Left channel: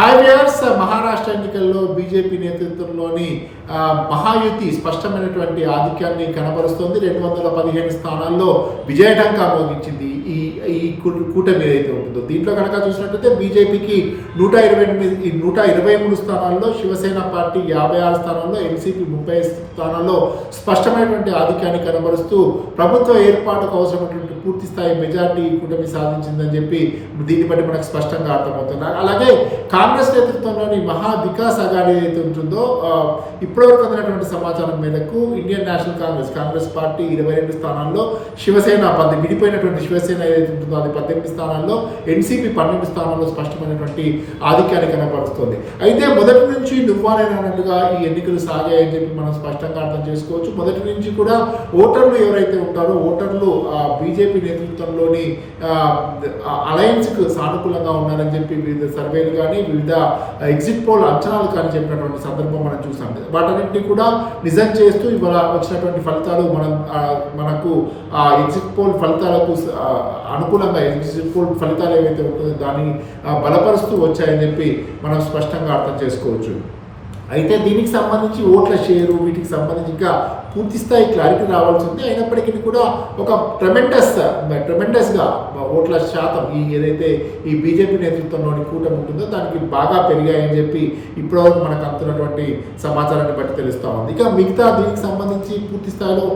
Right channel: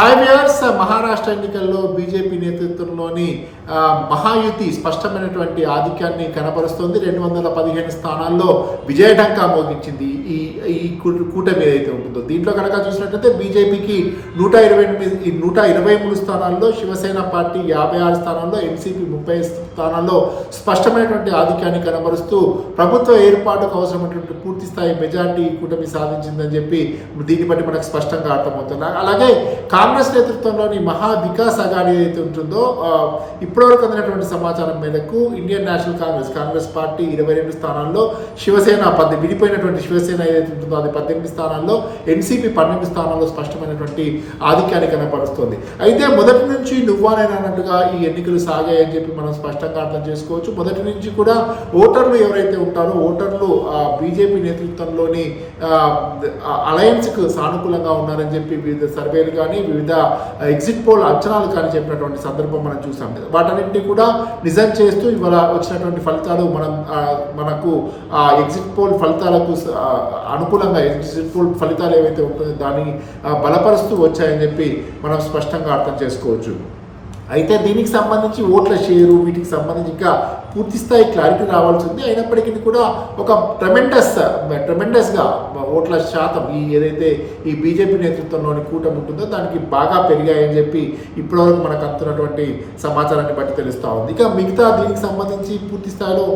Hi viewers, Maharashtra ఎన్నికల్లో BJP నేతృత్వంలోని మహాయుతి స్పష్టమైనటువంటి ఆధిక్యాన్ని కనబరుస్తోంది. 215 స్థానాల్లో విజయఢంకా మోగించింది ఈ కూటమి ఏదైతే ఉంటుందో. దీంట్లో కనుక చూసినట్లయితే బీజేపీకి 123 స్థానాల్లో, శివసేన పార్టీ 56 స్థానాల్లో, ఎన్సీపీ 30 స్థానాల్లో స్పష్టమైనటువంటి ఆధిక్యాన్ని కనబరుస్తూ ప్రభుత్వ ఏర్పాటుకు అవసరమైనటువంటి పూర్తి స్థాయి మెజార్టీ కూటమి సాధించిందని చెప్పి దీన్ని బట్టి మనకు స్పష్టంగా అర్థమవుతుంది. అలాగే కాంగ్రెస్ నేతృత్వంలోని మహా వికాస్ అఘాడీ ఏదైతే ఉంటుందో, ఇప్పటివరకు అందినటువంటి సమాచారం మేరకు ఇండియన్ నేషనల్ కాంగ్రెస్ పార్టీ 22 స్థానాల్లో, శివసేన విడిపోయినటువంటి శివసేన ఏదైతే ఉంటుందో అది 18 స్థానాల్లో, ఎన్సీపీ 12 స్థానాల్లో స్పష్టమైనటువంటి ఆధిక్యాన్ని కనపరుస్తోంది. అయితే మొదటి నుంచి నువ్వానేనన్నట్టుగా ఈ ఎన్నికలు సాగాయని చెప్పి మనం స్పష్టంగా అర్థం చేసుకోవచ్చు. మొదటి నుంచి కూడా ఓటర్లు ఎవరైతే ఉంటారో ఓటర్లు బీజేపీ నేతృత్వంలోని అలయన్స్కు సానుకూలంగా ఉన్నారని చెప్పి వివిధ సర్వేలు కానీ వివిధ ఎగ్జిట్ పోల్ అంచనాలు కానీ చెప్పినటువంటి సందర్భం మనం చూసాం. వాటన్నింటినీ కూడా నిజం చేస్తూ ఇవాళ వచ్చినటువంటి ఫలితాలు మనకు ఆ ఎగ్జిట్ పోల్ ఫలితాలకు అనుకూలంగా ఎగ్జిట్ పోల్ ఫలితాలు ఏవైతే ఉంటుందో దాన్ని బలపరుస్తూ వచ్చాయని చెప్పి మనం స్పష్టంగా అర్థం చేసుకోవచ్చు. అయితే దీనికి సంబంధించి ఓట్ల షేరు వీటికి సంబంధించి ఇంకా పూర్తి స్థాయి క్లారిటీ రావాల్సి ఉంది. అయినప్పటికీ కూడా ఒక ట్రెమెండస్గా ఓట్ల శాతం ఏదైతే ఈ బీజేపీ నేతృత్వంలోని కూటమి ఉంటుందో దానికి బాగా పెరిగాయని చెప్పి ఇప్పటివరకు మనకు అందుతున్నటువంటి సమాచారాన్ని బట్టి తెలుస్తూ ఉంది. ఇక మిగతా దీనికి సంబంధించి పూర్తి స్థాయిలో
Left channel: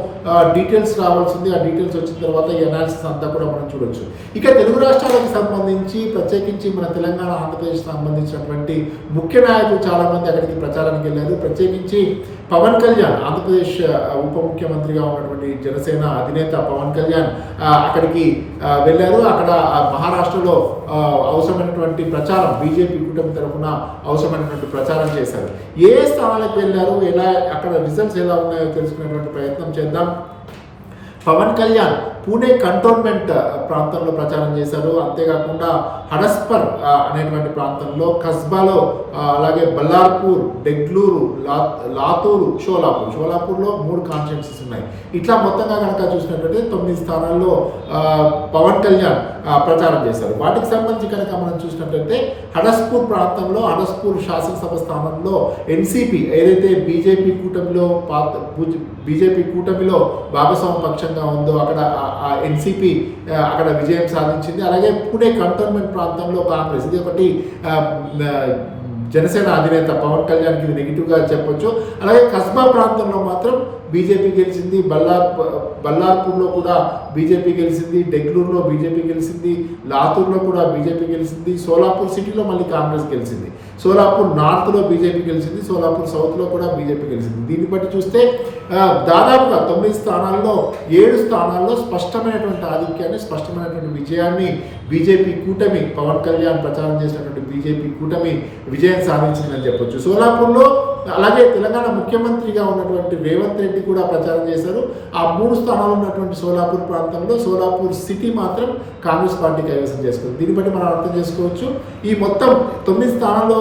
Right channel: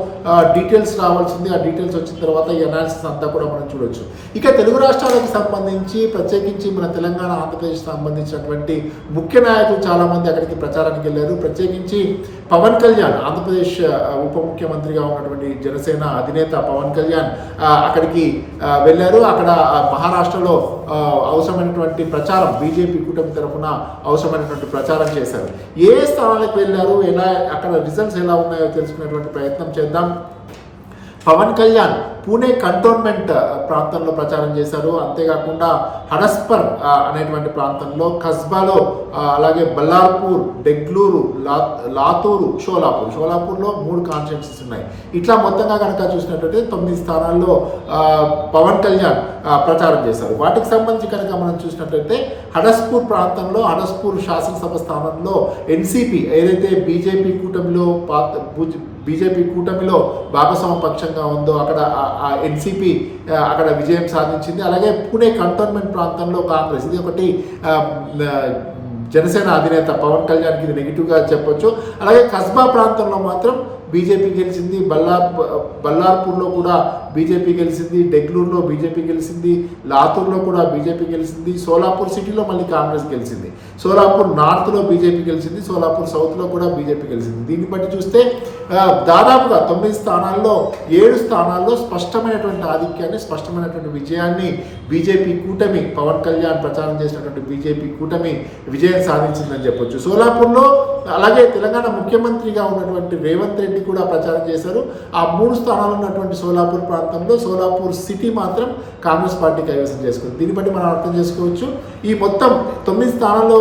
డీటెయిల్స్ రావాల్సింది. ఆ డీటెయిల్స్ వచ్చిన తర్వాత ఈ అనాలిసిస్ అంతా కూడా మనం చూడొచ్చు. ఇక తెలుగు రాష్ట్రాలకు సంబంధించి ప్రత్యేకించి మన తెలంగాణ ఆంధ్రప్రదేశ్ సంబంధించినటువంటి ముఖ్య నాయకులు చాలామంది అక్కడికి ప్రచారానికి వెళ్ళారు. ప్రత్యేకించి పవన్ కళ్యాణ్, ఆంధ్రప్రదేశ్ ఉప ముఖ్యమంత్రిగా ఉన్నటువంటి జనసేన అధినేత పవన్ కళ్యాణ్ అక్కడికి వెళ్ళారు. అక్కడ మహారాష్ట్రలో అవసరమైనటువంటి ప్రచారం, బీజేపీ కూటమి తరఫున అవసరమైనటువంటి ప్రచారం చేశారు. ఏ స్థానాలకు వెళ్ళారు, అక్కడ రిజల్ట్స్ ఎలా ఉన్నాయో తెలుసుకునేటువంటి ప్రయత్నం చేద్దాం. పవన్ కళ్యాణ్ పూణే కంటోన్మెంట్ ప్రాంతంలో ప్రచారం చేశారు. అంతేకాకుండా హడస్పర్ అనేటువంటి ప్రాంతంలో, కస్బాలో, అలాగే బల్లార్పూర్, డెగ్లూరు, లాతూరు, షోలాపూర్లో 3 కాన్స్టిట్యున్సీస్ ఉన్నాయి. ఇట్లా మొత్తంగా కనుక చూసినట్లయితే 9 స్థానాల్లో పవన్ కళ్యాణ్ ప్రచారం చేశారు. వాటికి సంబంధించి కనుక మనం చూసినట్లయితే హడస్పూర్ ప్రాంతంలో, హడస్పూర్ శాసనసభ స్థానంలో ఎన్సీపీ ఏదైతే బీజేపీ కూటమిలో భాగస్వామ్య పక్షంగా ఉందో అక్కడ ఎన్సీపీ అక్కడ విజయం సాధించింది. అలాగే పూణే కంటోన్మెంట్ ప్రాంతంలో కాంగ్రెస్, ఇది ఒకటి జనసేన అధినేత పవన్ కళ్యాణ్కి ఇది నెగిటివ్గా చెప్పొచ్చు. అలాగే కస్బా ప్రాంతంలో మాత్రం బీజేపీ గెలిచింది. బల్లార్పూర్లో కూడా బీజేపీ గెలిచింది. డెగ్లూరులో బీజేపీ గెలిచింది. లాతూర్లో కూడా బీజేపీ గెలిచింది. సోలాపూర్ సిటీలో మళ్ళీ కాంగ్రెస్ గెలిచింది. సోలాపూర్ నార్త్లో బీజేపీ గెలిచింది. సోలాపూర్ సౌత్లో కూడా బీజేపీ గెలిచింది. దీన్ని బట్టి చూస్తే దాదాపుగా 9 స్థానాల్లో 7 స్థానాల్లో స్పష్టమైనటువంటి ఆధిక్యాన్ని, స్పష్టమైనటువంటి విజయాన్ని బీజేపీ కూటమి, పవన్ కళ్యాణ్ ప్రచారం చేసినటువంటి బీజేపీ కూటమి విజయం సాధించిందని చెప్పొచ్చు. సోలాపూర్లో అలాగే తెలంగాణ ముఖ్యమంత్రిగా ఉన్నటువంటి రేవంత్ రెడ్డి కూడా ప్రచారం చేశారు. ఆ 3 స్థానాలు ఉన్నటువంటి సోలాపూర్ ప్రాంతంలో సోలాపూర్ సిటీ మాత్రం కాంగ్రెస్ పార్టీ కైవసం చేసుకుంది. దీన్ని బట్టి మనం అర్థం చేసుకోవచ్చు. ఈ మొత్తం 9 స్థానాల్లో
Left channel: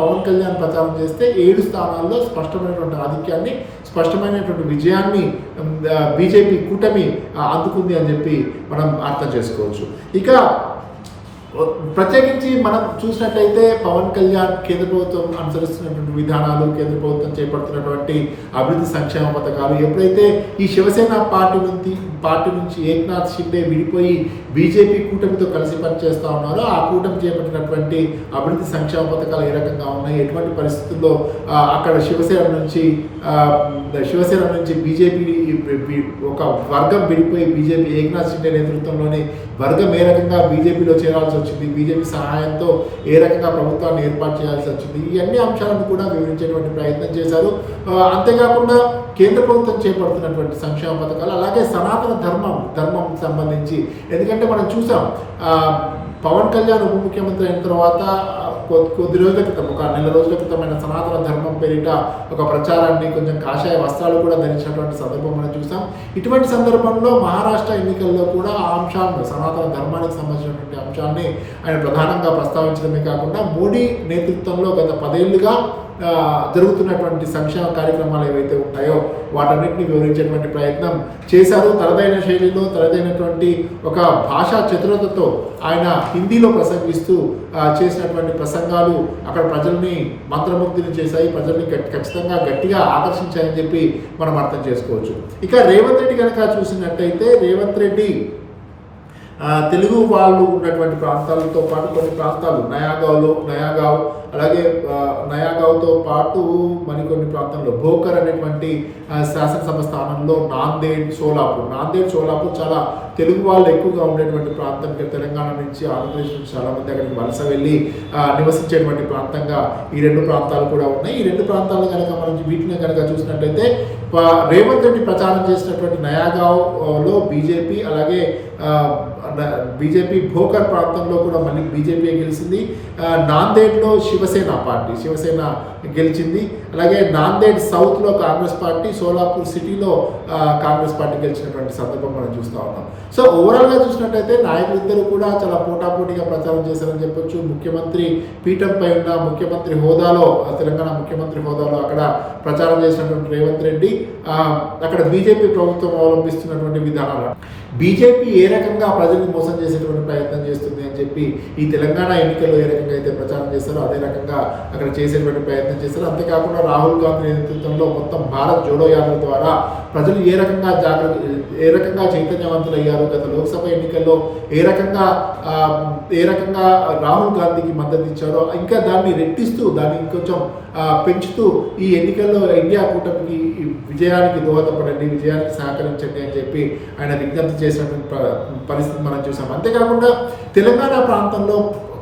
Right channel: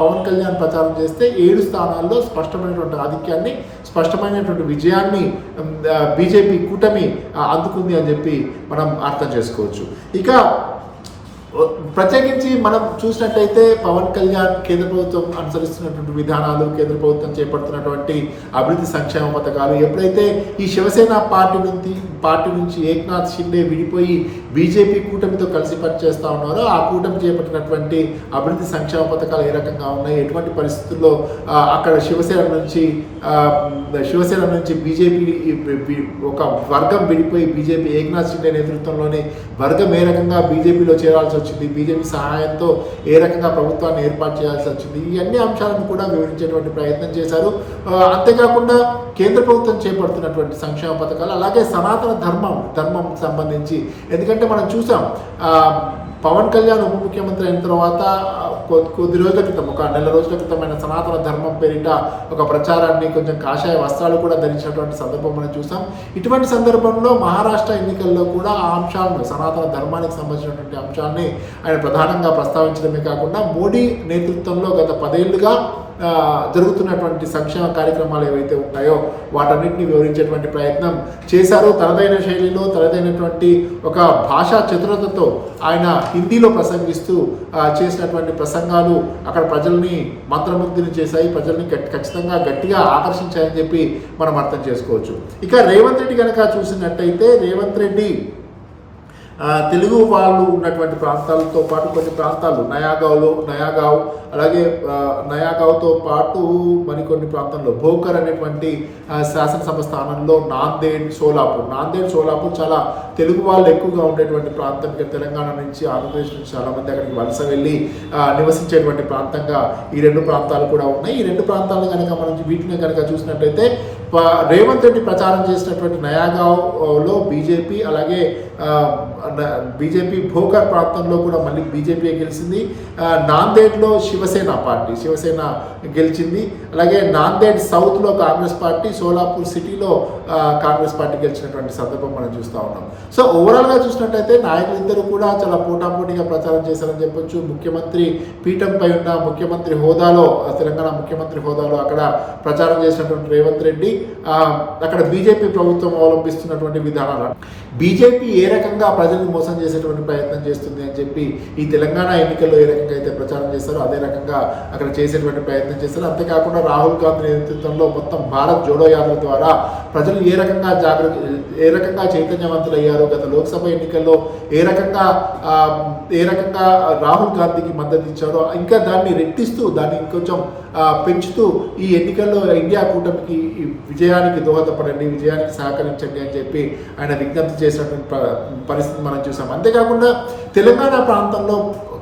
పవన్ కళ్యాణ్ ప్రచారం చేస్తే 7 స్థానాల్లో స్పష్టమైనటువంటి ఆధిక్యాన్ని, స్పష్టమైనటువంటి విజయాన్ని బీజేపీ కూటమి అందుకుంది అని చెప్పి మనం అర్థం చేసుకోవచ్చు. ఇక ప్రత్యేకించి మనం చూసినట్లయితే పవన్ కళ్యాణ్ కేంద్ర ప్రభుత్వం అనుసరిస్తున్నటువంటి విధానాలు, కేంద్ర ప్రభుత్వం చేపడుతున్నటువంటి అభివృద్ధి సంక్షేమ పథకాలు, ఎప్పుడైతే ఈ శివసేన పార్టీ నుంచి ఏక్నాథ్ షిండే విడిపోయి బీజేపీ కూటమితో కలిసి పనిచేస్తూ ఉన్నారో ఆ కూటమి చేపట్టినటువంటి అభివృద్ధి సంక్షేమ పథకాలు ఏ రకంగా ఉన్నాయి, ఎటువంటి పరిస్థితుల్లో అక్కడ శివసేన నుంచి బీజేపీ ఒక వర్గం విడిపోయి బీజేపీ ఏక్నాథ్ షిండే నేతృత్వంలోని వర్గం ఏ రకంగా బీజేపీలో చేరాల్సి వచ్చింది, బీజేపీ సహాయంతో ఏ రకంగా ప్రభుత్వాన్ని ఏర్పాటు చేయాల్సి వచ్చింది, ఈ అన్ని అంశాలను కూడా వివరించేటువంటి ప్రయత్నం చేశారు. అంతేకాకుండా కేంద్ర ప్రభుత్వం చేపడుతున్నటువంటి సంక్షేమ పథకాలు, అలాగే సనాతన ధర్మం సంబంధించి, ఎందుకంటే మనం చూసాం పవన్ కళ్యాణ్ ఉప ముఖ్యమంత్రి అయిన తర్వాత కొద్ది రోజుల క్రితం, ఒక నెల రోజుల క్రితమైన సనాతన ధర్మం పేరిట ఒక ప్రచారాన్ని, కొంచెం కాషాయ వస్త్రాలు కూడా ధరించినటువంటి సందర్భం మనం చూసాం. ఇటువంటి సందర్భంలో మహారాష్ట్ర ఎన్నికల్లో కూడా ఆ అంశాలను, సనాతన ధర్మానికి సంబంధించినటువంటి అంశాన్ని ఆయన ప్రధానంగా ప్రస్తావించడమే కాకుండా మోడీ నేతృత్వంలో గత 10 ఏళ్లుగా జరుగుతున్నటువంటి సంక్షేమ కార్యక్రమాలు ఏవైతే ఉంటాయో వాటన్నిటిని వివరించేటువంటి ప్రయత్నం చేశారు. తనదైన శైలిలో తనదైనటువంటి ఒక భాషా చతురతతో ఆయన హిందీలో ప్రసంగిస్తూ చేసినటువంటి ప్రసంగాలు అక్కడ ప్రజల్ని మంత్రముగ్ధులు చేశాయి, ప్రజల్ని ఖచ్చితంగా గట్టిగా ఆకర్షించాయని చెప్పి మనం అర్థం చేసుకోవచ్చు. ఇక రేవంత్ రెడ్డి కనుక చూసినట్టయితే రేవంత్ రెడ్డి తెలుగు వాళ్ళు ఉన్నటువంటి ప్రాంతాలతో పాటు కొన్ని ప్రాంతాలు నయాగావ్ అలాగే నయాగావ్తో పాటు మరికొన్ని ప్రాంతాల్లో భోకర్ అనేటువంటి శాసనసభ స్థానంలో నాందేడ్ సోలాపూర్ చాలా తెలుగు వాళ్ళు ఎక్కువగా ఉండేటువంటి ప్రాంతం. తెలంగాణ నుంచి ఆంధ్రప్రదేశ్ నుంచి చాలామంది అక్కడికి వలస వెళ్ళి నివసించేటువంటి ప్రాంతంగా ఈ రెండు ప్రాంతాలు కూడా ఉన్నాయి. ఈ రెండు ప్రాంతాలు కనుక మనం వీటిని కనుక చూసినట్లయితే రేవంత్ రెడ్డి ప్రచారం చేసినటువంటి నయాగావ్లో బీజేపీ, అలాగే బీజేపీ భోకర్ ప్రాంతంలో కూడా మళ్ళీ బీజేపీ గెలిచింది. నాందేడ్లో శివసేన గెలిచింది. అలాగే నాందేడ్ సౌత్లో కాంగ్రెస్ పార్టీ, సోలాపూర్ సిటీలో కాంగ్రెస్ పార్టీ గెలిచినటువంటి సందర్భం మనం చూస్తూ ఉన్నాం. సో ఓవరాల్గా చూసినట్టయితే నాయకులిద్దరూ కూడా చాలా పోటాపోటీగా ప్రచారం చేశారని చెప్పొచ్చు. ముఖ్యమంత్రి పీఠంపై ఉన్న ముఖ్యమంత్రి హోదాలో, తెలంగాణ ముఖ్యమంత్రి హోదాలో అక్కడ ప్రచారం చేసినటువంటి రేవంత్ రెడ్డి అక్కడ బీజేపీ ప్రభుత్వం అవలంబిస్తున్నటువంటి విధానాలు, బీజేపీ ఏ రకంగా ప్రజల్ని మోసం చేసేటువంటి ప్రయత్నం చేస్తుంది అని చెప్పి ఈ తెలంగాణ ఎన్నికల్లో ఏ రకంగా అయితే ప్రచారం చేస్తారో అదే రకంగా అక్కడ చేసేటువంటి ప్రయత్నం చేస్తారు. అంతేకాకుండా రాహుల్ గాంధీ నేతృత్వంలో మొత్తం భారత్ జోడో యాత్ర ద్వారా ప్రజలు ఏ రకంగా చైతన్యవంతులు అయ్యారు, గత లోక్సభ ఎన్నికల్లో ఏ రకంగా రాహుల్ గాంధీకి మద్దతు ఇచ్చారో ఇంకా దాన్ని రెట్టిస్తూ దాన్ని ఇంకొంచెం పెంచుతూ ఈ ఎన్నికల్లో ఇండియా కూటమికి విజయానికి దోహదపడండి, విజయానికి సహకరించండి అని చెప్పి ఆయన విజ్ఞప్తి చేసినటువంటి పరిస్థితి మనం చూసాం. అంతేకాకుండా తెలంగాణ ప్రాంతంలో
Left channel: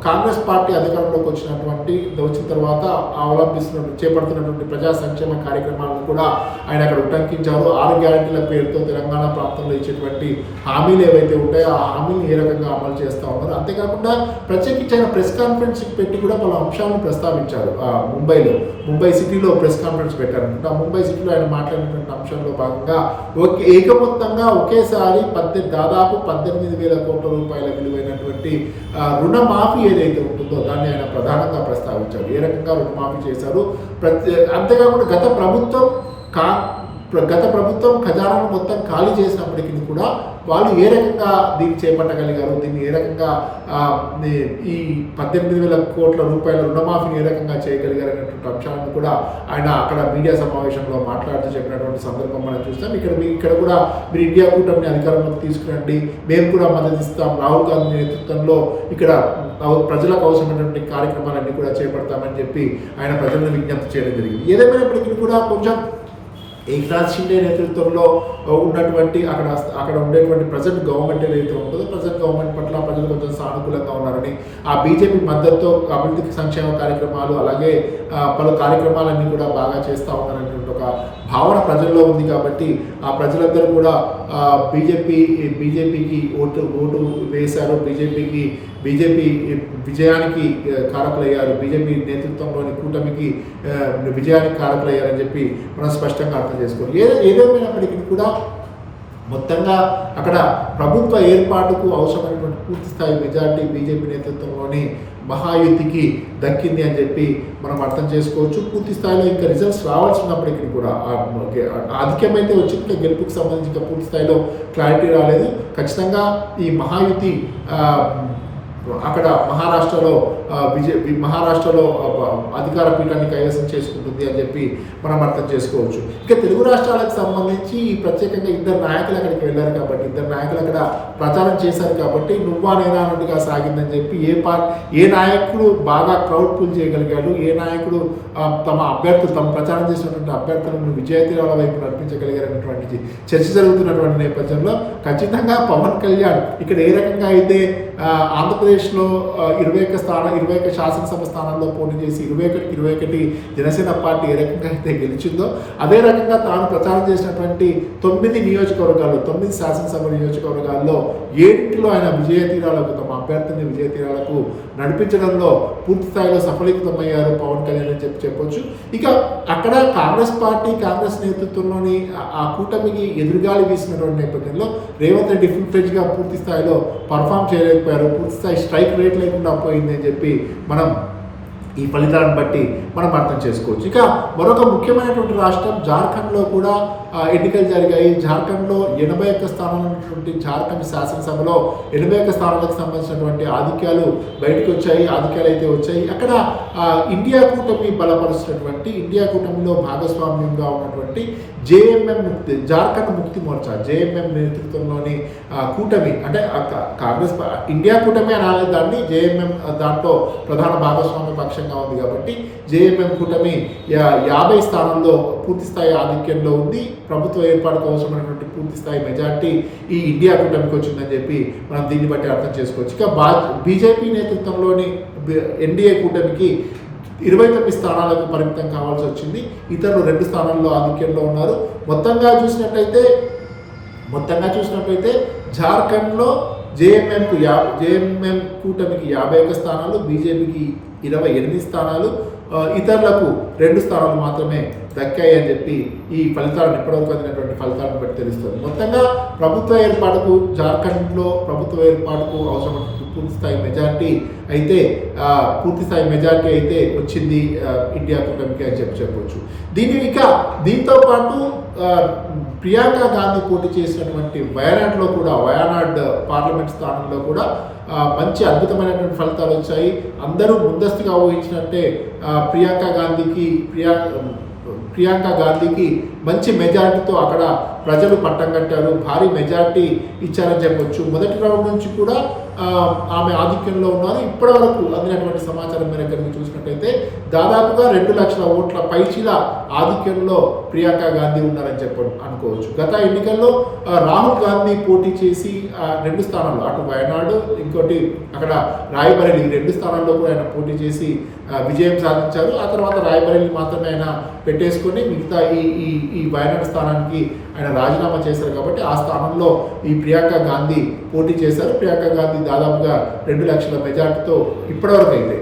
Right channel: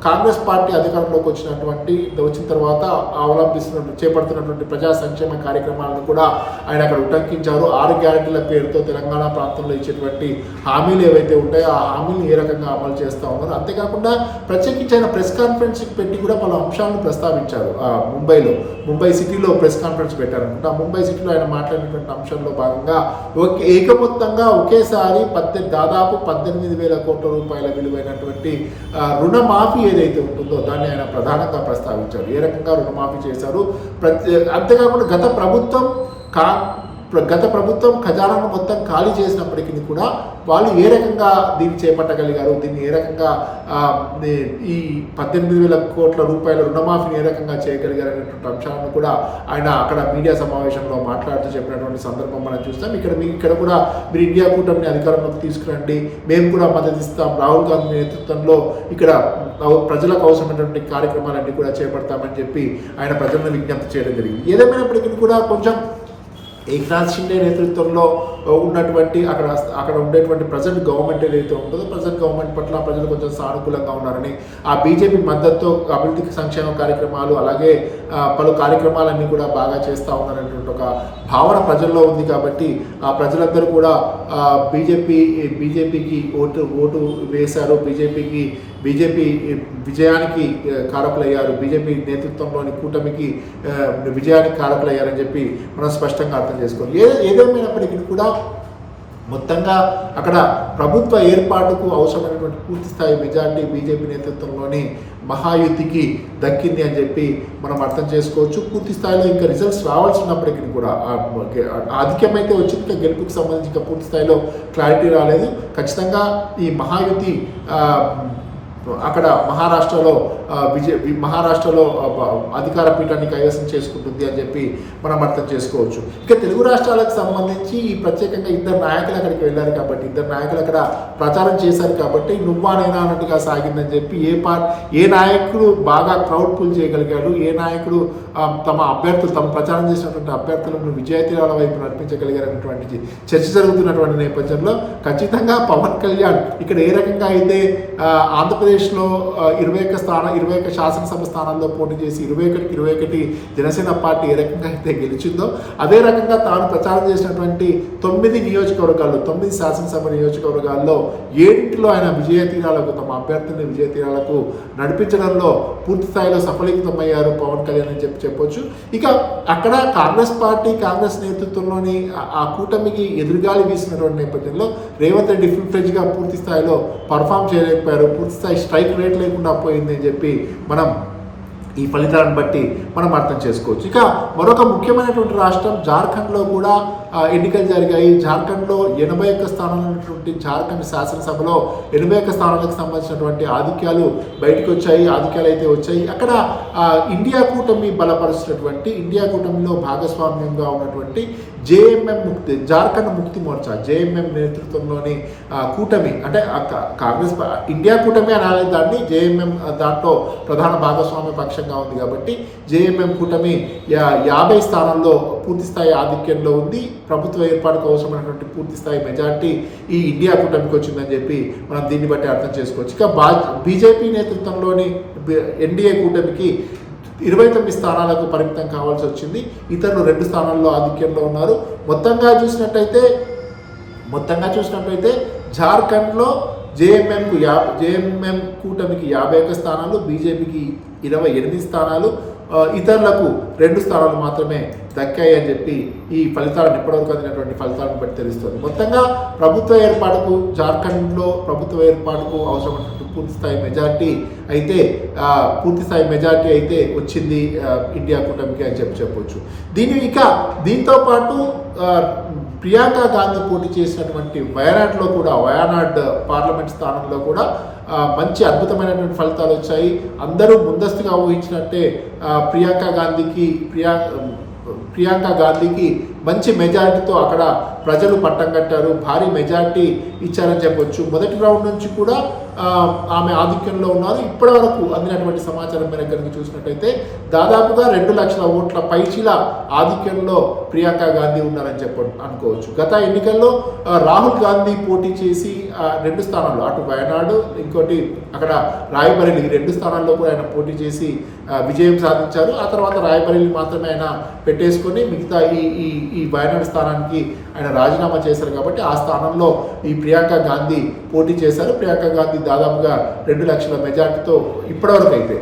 కాంగ్రెస్ పార్టీ అధికారంలోకి వచ్చిన తర్వాత చేపడుతున్నటువంటి ప్రజా సంక్షేమ కార్యక్రమాలను కూడా ఆయన అక్కడ ఉటంకించారు. 6 గ్యారెంటీల పేరుతో తెలంగాణ ప్రాంతంలో ఇచ్చేటువంటి హామీలు ఏవైతే ఉంటాయో ఆ హామీలు ఏ రకంగా అమలు చేస్తూ ఉన్నారు. అంతేకాకుండా ప్రత్యేకించి ఆయన ప్రెస్ కాన్ఫరెన్స్ పెట్టి కూడా పలు అంశాలను ప్రస్తావించారు. ముంబై సిటీలో ప్రెస్ కాన్ఫరెన్స్ పెట్టారనుకుంటా. ముంబై సిటీలో ఆయన మాట్లాడినటువంటి అంశంలో భాగంగా ఏకమొత్తంగా ఒకేసారి దాదాపు 18,000 కోట్ల రూపాయల విలువైనటువంటి రుణమాఫీ ఏదైతే ఉంటుందో దాన్ని ఆయన ప్రధానంగా ప్రస్తావించారు. ఏ రకంగా రుణమాఫీ చేశారు. అంతేకాకుండా గత ప్రభుత్వం ఖజానాను మొత్తం ఖాళీ చేసినప్పటికీ కూడా వాళ్ళు ఏ రకంగా దీన్ని చేపట్టగలిగారు, దీన్ని ఏ రకంగా ఈ 18,000 కోట్ల రూపాయల రుణమాఫీని ఏ రకంగా చేయగలిగారు అనేటువంటి అంశాలను కూడా ఆయన అక్కడ మీడియా సమావేశంలో మాట్లాడుతూ చెప్పినటువంటి సందర్భం మనం చూస్తాం. ఇక్కడ కూడా మీరు ఇండియా కూటమిని అధికారంలోకి తీసుకురండి, మేము కూడా మద్దతు ఇస్తాం, రాహుల్ గాంధీ నేతృత్వంలో ఇక్కడ ప్రజలకు అవసరమైనటువంటి కార్యక్రమాలన్నీ కూడా చేపడతామని చెప్పి ఆయన ప్రజలను విజ్ఞప్తి చేయడం జరిగింది. ఏదేమైనప్పటికీ కూడా కొంచెం ఏక్నాథ్ షిండే నేతృత్వంలో ఉన్నటువంటి అక్కడ ఉండేటువంటి ప్రజెంట్ గవర్నమెంట్ ఏదైతే ఉంటుందో ప్రజెంట్ గవర్నమెంట్ పట్ల ప్రజలు కొంచెం సానుకూలంగా ఉన్నారని, ఆ బీజేపీ మద్దతుతో అభివృద్ధి సంక్షేమ కార్యక్రమాలు అలాగే పలు కార్యక్రమాలన్నీ కూడా బాగా చేస్తూ ఉన్నారనేటువంటి ఒక భావన ప్రజల్లో ఉంది. కాబట్టి ఆ ప్రజలందరూ కూడా బీజేపీకి ఓటు వేశారు, బీజేపీ విజయానికి కారకులయ్యారు, బీజేపీ నేతృత్వంలోని కూటమికి విజయానికి కారకులయ్యారని చెప్పి మనం స్పష్టంగా అర్థం చేసుకోవాలి. ఏదేమైనప్పటికీ కూడా మొత్తంగా అక్కడ ప్రభుత్వ ఏర్పాటుకు అవసరమైనటువంటి పూర్తి స్థాయి మెజార్టీ బీజేపీ నేతృత్వంలోని మహాయుతికి దక్కింది అని చెప్పి మనం అర్థం చేసుకోవచ్చు. పూర్తి స్థాయిలో ఇంకా రిజల్ట్స్ రావాల్సినప్పటికీ కూడా ఆధిక్యమైతే వచ్చిన గెలుపుకి సంబంధించి ఇంకా పూర్తి స్థాయిలో క్లారిటీ రాలేదు. ఖచ్చితంగా ఈ మహాయుతి అక్కడ మహారాష్ట్రలో అధికార పీఠాన్ని కైవసం చేసుకుంటుంది అని చెప్పి మనం అర్థం చేసుకోవచ్చు. ఇక తెలుగు రాష్ట్రాలకు సంబంధించి ప్రత్యేకంగా 2 నాయకులు అక్కడికి వెళ్ళారు కాబట్టి 2 నాయకులు అక్కడ ప్రచారం చేశారు కాబట్టి నువ్వా నేనా అన్నట్టుగా సాగిందని చెప్పి ఏ నాయకుడు బాగా క్రౌడ్ పూల్ చేయగలిగాడు, ఏ నాయకుడు తమ ప్రచారం చేసినటువంటి అభ్యర్థులను విజయతీరాల వైపు నడిపించగలిగారనేటువంటి చర్చ జరుగుతున్నటువంటి నేపథ్యంలో ఖచ్చితంగా పవన్ కళ్యాణ్ ఇక్కడ ఏ రకంగా అయితే ఆంధ్రప్రదేశ్లో 21 శాసనసభ స్థానాల్లో పోటీ చేసి 21 జనసేన పార్టీ ఏ రకంగా అయితే గెలిచిందో అదే రకంగా తాను ప్రచారం చేసినటువంటి 9 శాసనసభ నియోజకవర్గాల్లో 7 ఆయన తమ అభ్యర్థిని విజయతీరాలకు నడిపించడంలో పూర్తి స్థాయిలో సఫలీకృతమయ్యారు పవన్ కళ్యాణ్ అని చెప్పొచ్చు. ఇక అక్కడ కాంగ్రెస్ నేతృత్వంలోని ఆ కూటమికి ఎదురుగాలి వీసినటువంటి నేపథ్యంలో రేవంత్ రెడ్డి ఫుల్ ఫ్లెడ్జ్గా పూర్తి స్థాయిలో పర్ఫామ్ చేయలేకపోయారు, పూర్తి స్థాయి స్ట్రైక్ రేట్ లేకుండా పోయింది అని చెప్పి మనం ఈ ఫలితాలను బట్టి మనం అర్థం చేసుకోవచ్చు. ఇక మరొక ముఖ్యమైనటువంటి రాష్ట్రం జార్ఖండ్లో కూడా ఎన్నికలు జరిగాయి. జార్ఖండ్లో 81 స్థానాలు ఉన్నటువంటి జార్ఖండ్ శాసనసభలో 81 స్థానాలకు సంబంధించినటువంటి ఆధిక్యాలు బయటకు వచ్చాయి, ఆధిక్యాలు అయితే వచ్చాయి. అక్కడ ఇండియా కూటమి బలపరుస్తున్నటువంటి, ఇండియా కూటమిలో భాగస్వామ్యంగా ఉన్నటువంటి జేఎంఎం ముక్తి, జార్ఖండ్ ముక్తి మోర్చా, జేఎంఎం నేతృత్వంలోని కూటమి, అంటే కాంగ్రెస్ ఇండియా కూటమి అనాలి దాన్ని, జేఎంఎం దాంట్లో ప్రధాన భాగస్వామ్య పక్షంగా ఉంది కాబట్టి జేఎంఎం కూటమి 50 స్థానాల్లో పూర్తిస్థాయి ఆధిక్యంలో ఉంది. ప్రభుత్వ ఏర్పాటుకు అవసరమైనటువంటి పూర్తిస్థాయి మెజార్టీ ఈ ఇండియా కూటమికి వచ్చిందని చెప్పి మనం దీన్ని బట్టి అర్థం చేసుకోవచ్చు. ఇక బీజేపీ నేతృత్వంలోని ఎన్డీఏ కూటమికి 29 స్థానాలకు పరిమితం కావాల్సి వచ్చింది. ఇతరులు 2 స్థానాల్లో ఆధిక్యంలో ఉన్నారు. మొత్తంగా చూసినట్టయితే జార్ఖండ్లో జేఎంఎం కూటమికి 51 స్థానాలు, బీజేపీకి 28 స్థానాలు, ఇతరులకు 2 స్థానాలు మాత్రమే దక్కాయి అని చెప్పి ఈ ఫలితాలను ఇప్పటివరకు అందినటువంటి ఫలితాలను బట్టి తెలుస్తుంది. మొత్తంగా ప్రభుత్వ ఏర్పాటుకు, జార్ఖండ్లో ప్రభుత్వ ఏర్పాటుకు అవసరమైనటువంటి పూర్తిస్థాయి మెజార్టీ అయితే వచ్చింది ఇండియా కూటమికి అని చెప్పొచ్చు. దీంతో పాటు ప్రియాంక గాంధీ పోటీ చేసినటువంటి వయనాడ్ పార్లమెంట్ స్థానంలో కూడా మంచి అద్భుతమైనటువంటి ఫలితాలు వచ్చాయి. అందరూ ముందస్తుగా ఊహించినట్టే ప్రియాంక గాంధీకి మంచి మెజారిటీతో అక్కడ ప్రజలు పట్టం కట్టారు, భారీ మెజారిటీ ఇచ్చారని చెప్పొచ్చు. మొదటి రౌండ్ నుంచి కూడా ఆమె ఆధిక్యంలో ఉన్నారు. ఇప్పటి వరకు అందినటువంటి సమాచారం మేరకు చూసినట్టయితే దాదాపుగా 2 లక్షల ఓట్ల పైచిల ఆధిక్యంలో ప్రియాంక గాంధీ ఉన్నారని అనుకోవచ్చు. గత ఎన్నికల్లో రాహుల్ గాంధీ పోటీ చేసి 2 స్థానాల్లో, అటు వయనాడు ఇంకోటి అక్కడ రాయబరేలీ, 2 స్థానాల్లో కూడా ఆయన పోటీ చేసి విజయం సాధించారు. ఆ తర్వాత రాయబరేలీ మాత్రమే ఆయన పెట్టేసుకొని మిగతా ఈ వయనాడు స్థానానికి ఆయన రాజీనామా చేశారు. కాబట్టి ఆ స్థానంలో ఈ ప్రియాంక గాంధీ పోటీ చేశారు. ప్రియాంక గాంధీ దాదాపుగా 2 లక్షల మెజార్టీతో ఇప్పటివరకు అయితే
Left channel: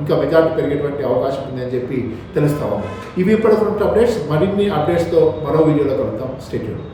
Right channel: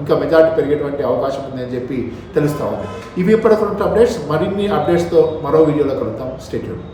ఇంకా మెజార్టీ పెరిగేటువంటి అవకాశం ఉందని చెప్పి తెలుస్తూ ఉంది. ఇవి ఇప్పటివరకు అప్డేట్స్. మరిన్ని అప్డేట్స్తో మరో వీడియోలో కలుద్దాం. Stay tuned.